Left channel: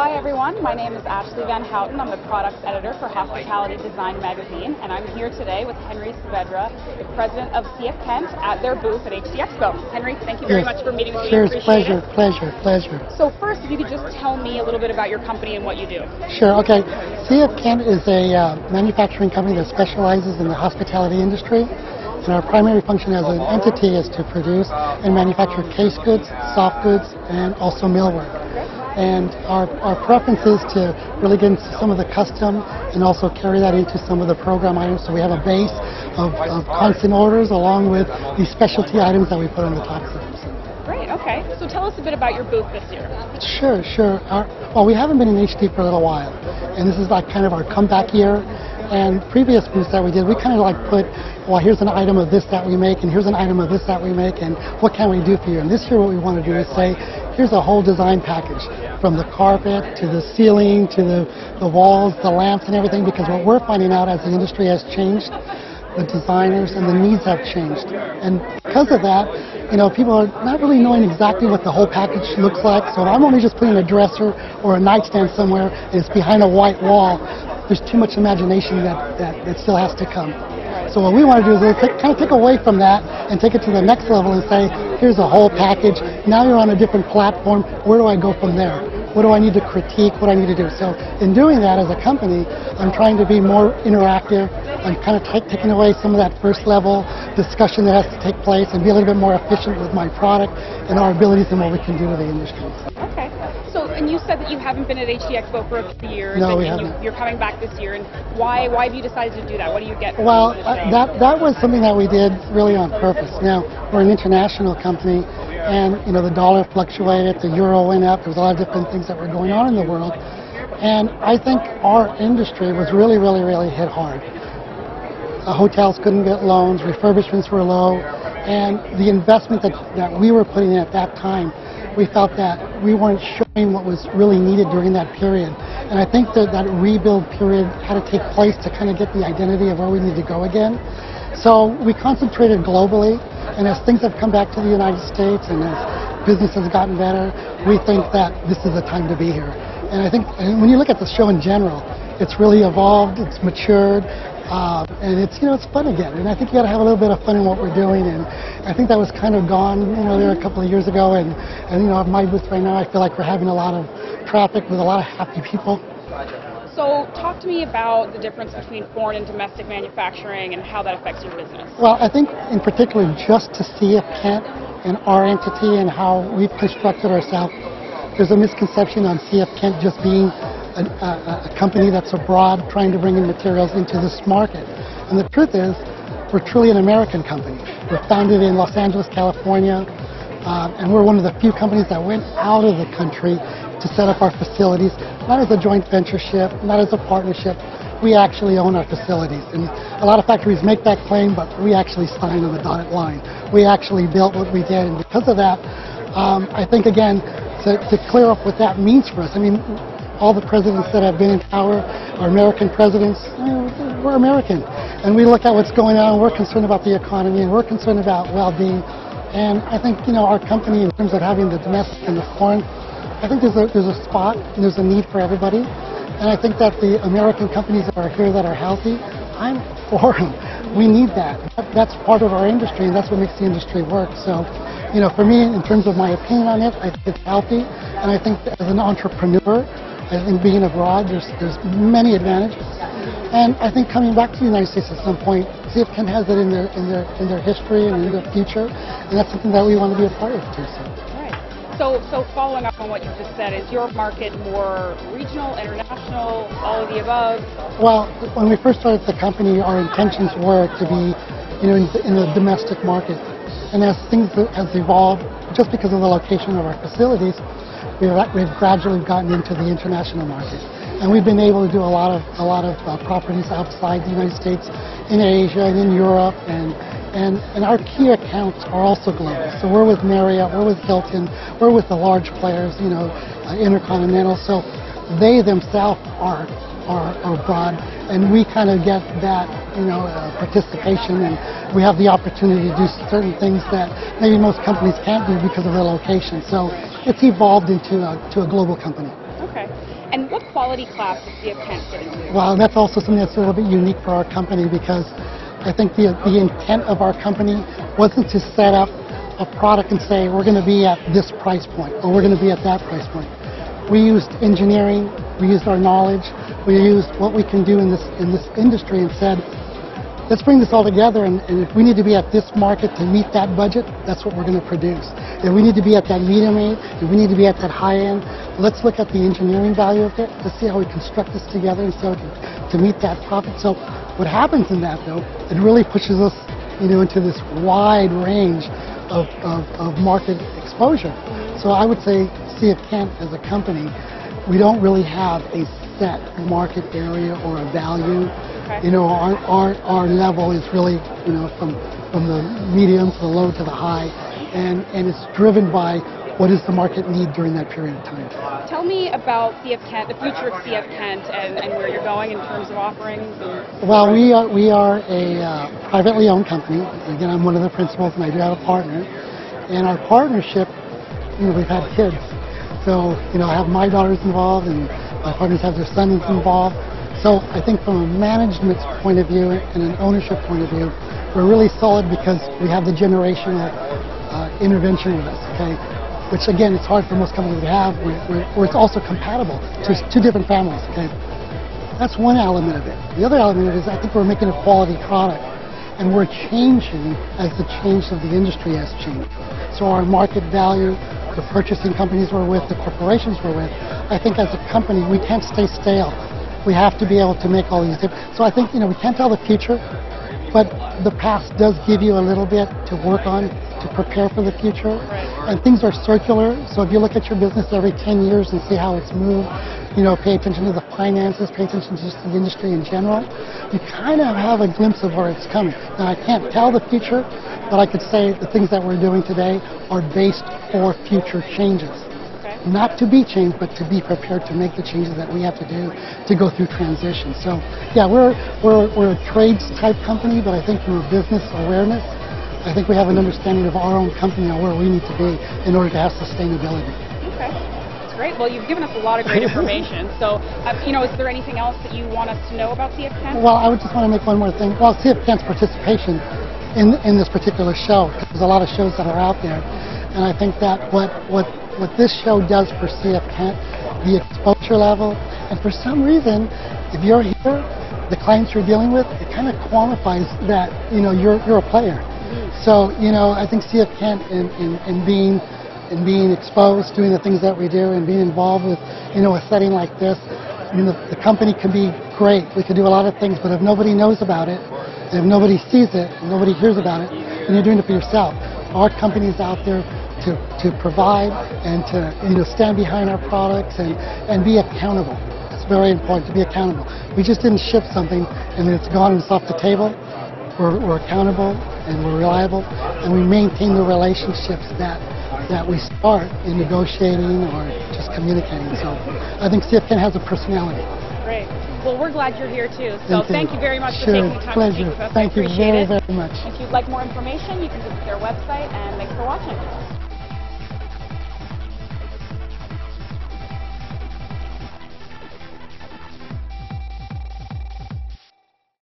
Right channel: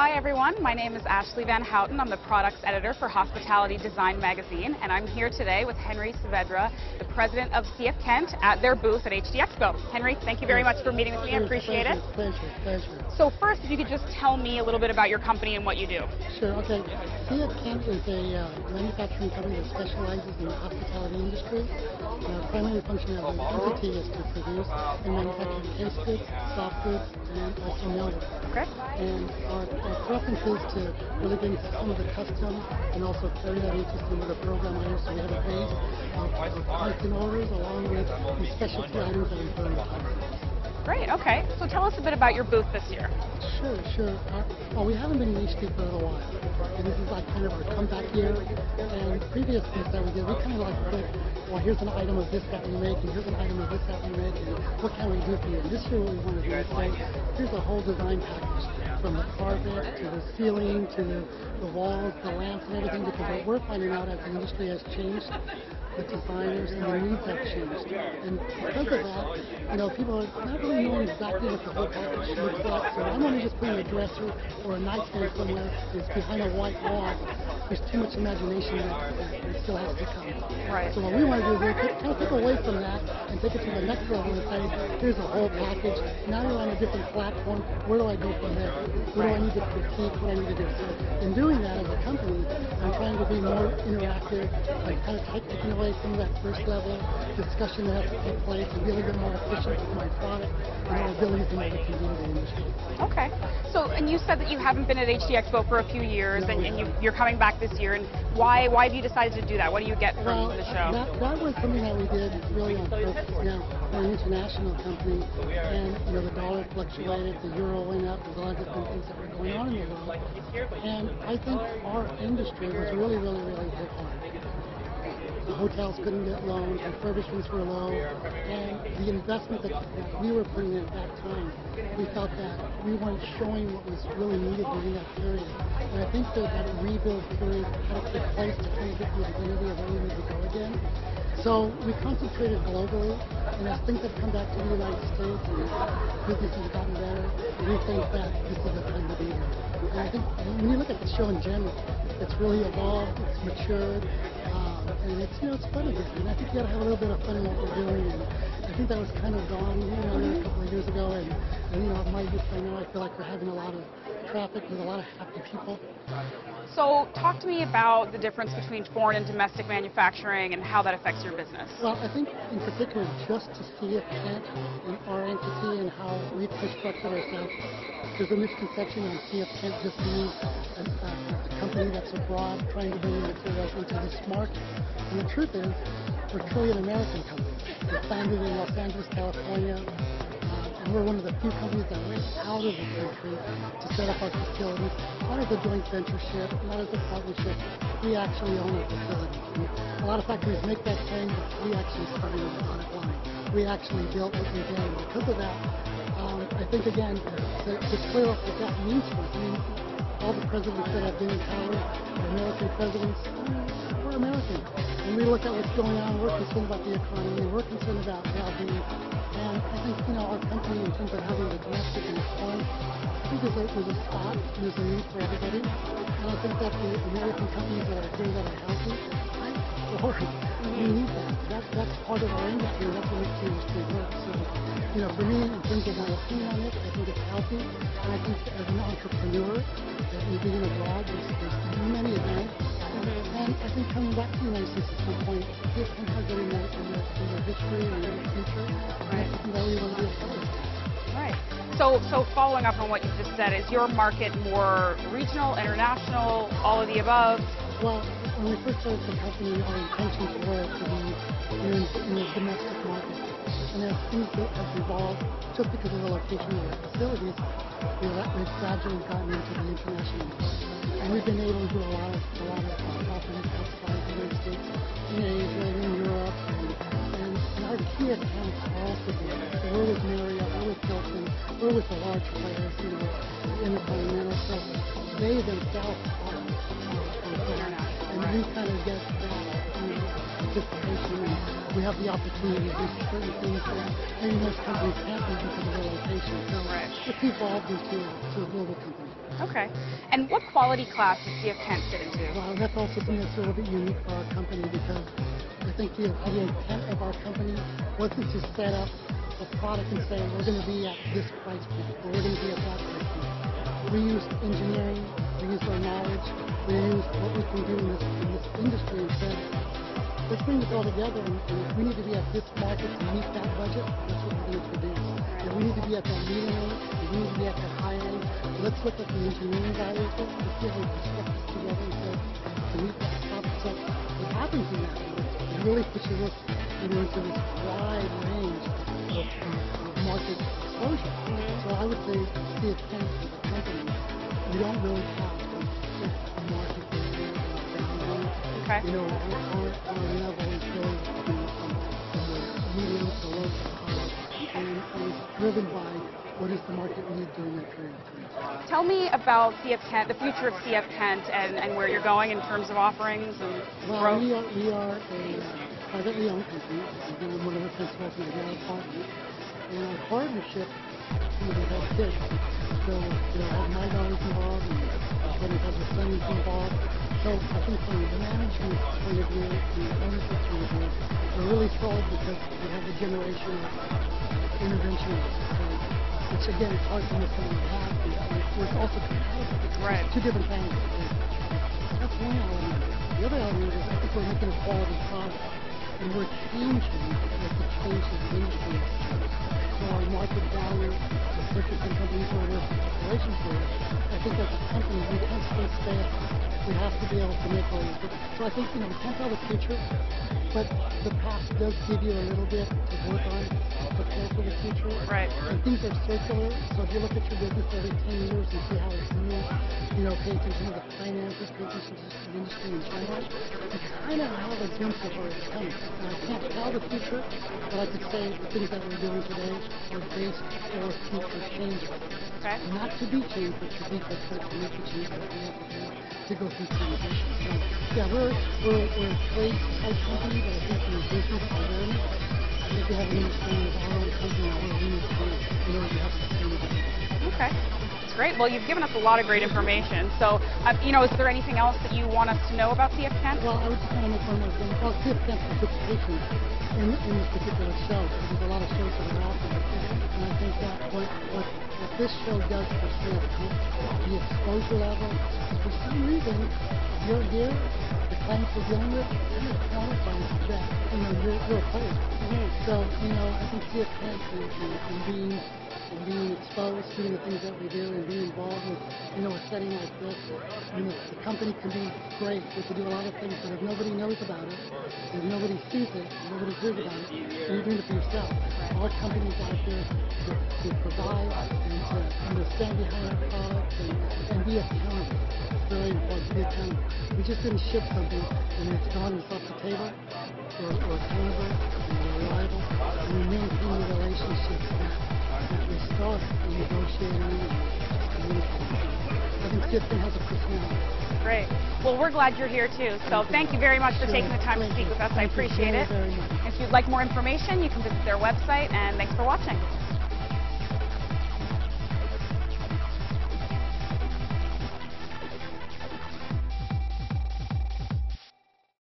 Hi everyone, my name is Ashley Van Houten. I'm the products editor for Hospitality Design magazine, and I'm here today with Henry Saavedra, the president of CF Kent, at their booth at Expo. Henry, thank you very much for meeting with me. Sure, Appreciate it. Pleasure. So first, if you could just tell me a little bit about your company and what you do. Sure, okay. CF Kent is a manufacturing company that specializes in the hospitality industry. And our primary function as an entity is to produce and manufacture case goods, soft goods, and also millwork. Okay. And our preference is to really get into some of the custom and also carry that into some of the program items. So we have a base of constant orders along with these specialty items that we put on the top. Great, okay. So tell us a bit about your booth this year. Sure. Well, we haven't been in HD for a little while, and this is like kind of our comeback year. And previous booths that we did, we kind of like put, well, here's an item of this that we make, and here's an item of this that we make, and what can we do for you? And this year what we want to do is say, here's a whole design package, from the carpet to the ceiling to the walls, the lamps and everything, because what we're finding out as the industry has changed, the designers and the needs have changed. And because of that, people are not really knowing exactly what the whole package looks like. So if I'm only just putting a dresser or a nightstand somewhere and it's behind a white wall, there's too much imagination that still has to come. Right. So what we want to do is kind of take away from that and take it to the next level and say, here's a whole package. Now you're on a different platform. Where do I go from there? What do I need to critique? What do I need to do? So in doing that as a company, I'm trying to be more interactive. I'm kind of taking away some of that first level discussion that has to take place and be a little bit more efficient with my product and our abilities and what we can do with the industry. Okay. So, and you said that you haven't been at HD Expo for a few years. No, we and haven't. You're coming back this year. And why have you decided to do that? What do you get from Well, the show? that was something that we did really on purpose. Now, we're an international company, and the dollar fluctuated, the euro went up. There was a lot of different things that were going on in the world. And I think our industry was really hit hard. Hotels couldn't get loans, refurbishments were low, and the investment that we were putting in at that time, we felt that we weren't showing what was really needed during that period. And I think that rebuild period had to take place to kind of get the identity of where we need to go again. So we concentrated globally, and as things have come back to the United States and as business has gotten better, we think that this is the time to be here. And I think when you look at the show in general, it's really evolved, it's matured, and it's fun again. And I think you got to have a little bit of fun in what we're doing. And I think that was kind of gone, there a couple of years ago. And at my booth right now, I feel like we're having a lot of traffic with a lot of happy people. So talk to me about the difference between foreign and domestic manufacturing and how that affects your business. Well, I think in particular just to CF Kent and our entity and how we've constructed ourselves, there's a misconception on CF Kent just being a company that's abroad trying to bring in materials into this market. And the truth is, we're truly an American company. We're founded in Los Angeles, California, and we're one of the few companies that went out of the country to set up our facilities, not as a joint ventureship, not as a partnership. We actually own our facilities. And a lot of factories make that claim, but we actually signed on the dotted line. We actually built what we did, and because of that, I think, again, to clear up what that means for us. I mean, all the presidents that have been in power are American presidents. We're American. And we look at what's going on, we're concerned about the economy, and we're concerned about well-being. And I think, our company, in terms of having the domestic and the foreign, I think there's a spot and there's a need for everybody. And I think that the American companies that are here that are healthy, I'm for them. We need that. That's part of our industry, and that's what makes the industry work. So, for me, in terms of my opinion on it, I think it's healthy. And I think that as an entrepreneur, I think being abroad, there's many advantages. And I think coming back to the United States at some point, CF Kent has it in their history and in their future, and that's something that we want to be a part of too. So following up on what you just said, is your market more regional, international, all of the above? Well, when we first started the company, our intentions were to be, in the domestic market. And as things have evolved, just because of the location of our facilities, we've gradually gotten into the international market. And we've been able to do a lot of properties outside the United States, in Asia and in Europe, and our key accounts are also global. So we're with Marriott, we're with Hilton, we're with the large players, Intercontinental. So they themselves are broad, and we kind of get that, participation, and we have the opportunity to do certain things that maybe most companies can't do because of their location. So it's evolved into a global company. Okay. And what quality class does CF Kent fit into? Well, that's also something that's a little bit unique for our company because I think the intent of our company wasn't to set up a product and say we're going to be at this price point or we're going to be at that price point. We used engineering, we used our knowledge, we used what we can do in this industry and said, let's bring this all together, and if we need to be at this market to meet that budget, that's what we're going to produce. If we need to be at that medium end, if we need to be at that high end, let's look at the engineering value of it. Let's see how we construct this together and so to meet that profit. So what happens in that, though, it really pushes us, into this wide range of market exposure. So I would say CF Kent as a company, we don't really have a set market area or a value. Okay. Our level is really, from the medium to the low to the high, and it's driven by what is the market need during that period of time. Tell me about CF Kent, the future of CF Kent, and where you're going in terms of offerings. Well, we are a privately owned company. Again, I'm one of the principals, and I do have a partner. And our partnership, we've had kids. So, I have my daughters involved, and my partners have their sons involved. So I think from a management point of view and an ownership point of view, we're really solid because we have the generational intervention in us, okay? Which again, it's hard for most companies to have, where it's also compatible. So it's two different families, okay? That's one element of it. The other element of it is I think we're making a quality product, and we're changing as the change of the industry has changed. So our market value, the purchasing companies we're with, the corporations we're with, I think as a company, we can't stay stale. We have to be able to make all these different. So I think, we can't tell the future, but the past does give you a little bit to work on to prepare for the future. Right. And things are circular. So if you look at your business every 10 years and see how it's moved, pay attention to the finances, pay attention to just the industry in general, you kind of have a glimpse of where it's coming. Now, I can't tell the future, but I could say the things that we're doing today are based for future changes. Not to be changed, but to be prepared to make the changes that we have to do to go through transition. So, yeah, we're a trades type company, but I think from a business awareness, I think we have an understanding of our own company and where we need to be in order to have sustainability. Okay, that's great. Well, you've given us a lot of great information. So, is there anything else that you want us to know about CF Kent? Well, I would just want to make one more thing. Well, CF Kent's participation in this particular show, there's a lot of shows that are out there, and I think that what this show does for CF Kent, the exposure level, and for some reason, if you're here, the clients you're dealing with, it kind of qualifies that, you're a player. So, I think CF Kent in being exposed, doing the things that we do, and being involved with, a setting like this, the company can be great. We can do a lot of things, but if nobody knows about it, if nobody sees it, if nobody hears about it, then you're doing it for yourself. Our company's out there to provide and to stand behind our products and be accountable. It's very important to be accountable. We just didn't ship something and then it's gone and it's off the table. We're accountable and we're reliable, and we maintain the relationships that we start in negotiating or just communicating. So I think CF Kent has a personality. Great. Well, we're glad you're here too. So thank you very much for taking the time pleasure. to speak with us. Thank you very, very much. If you'd like more information, you can visit their website, and thanks for watching.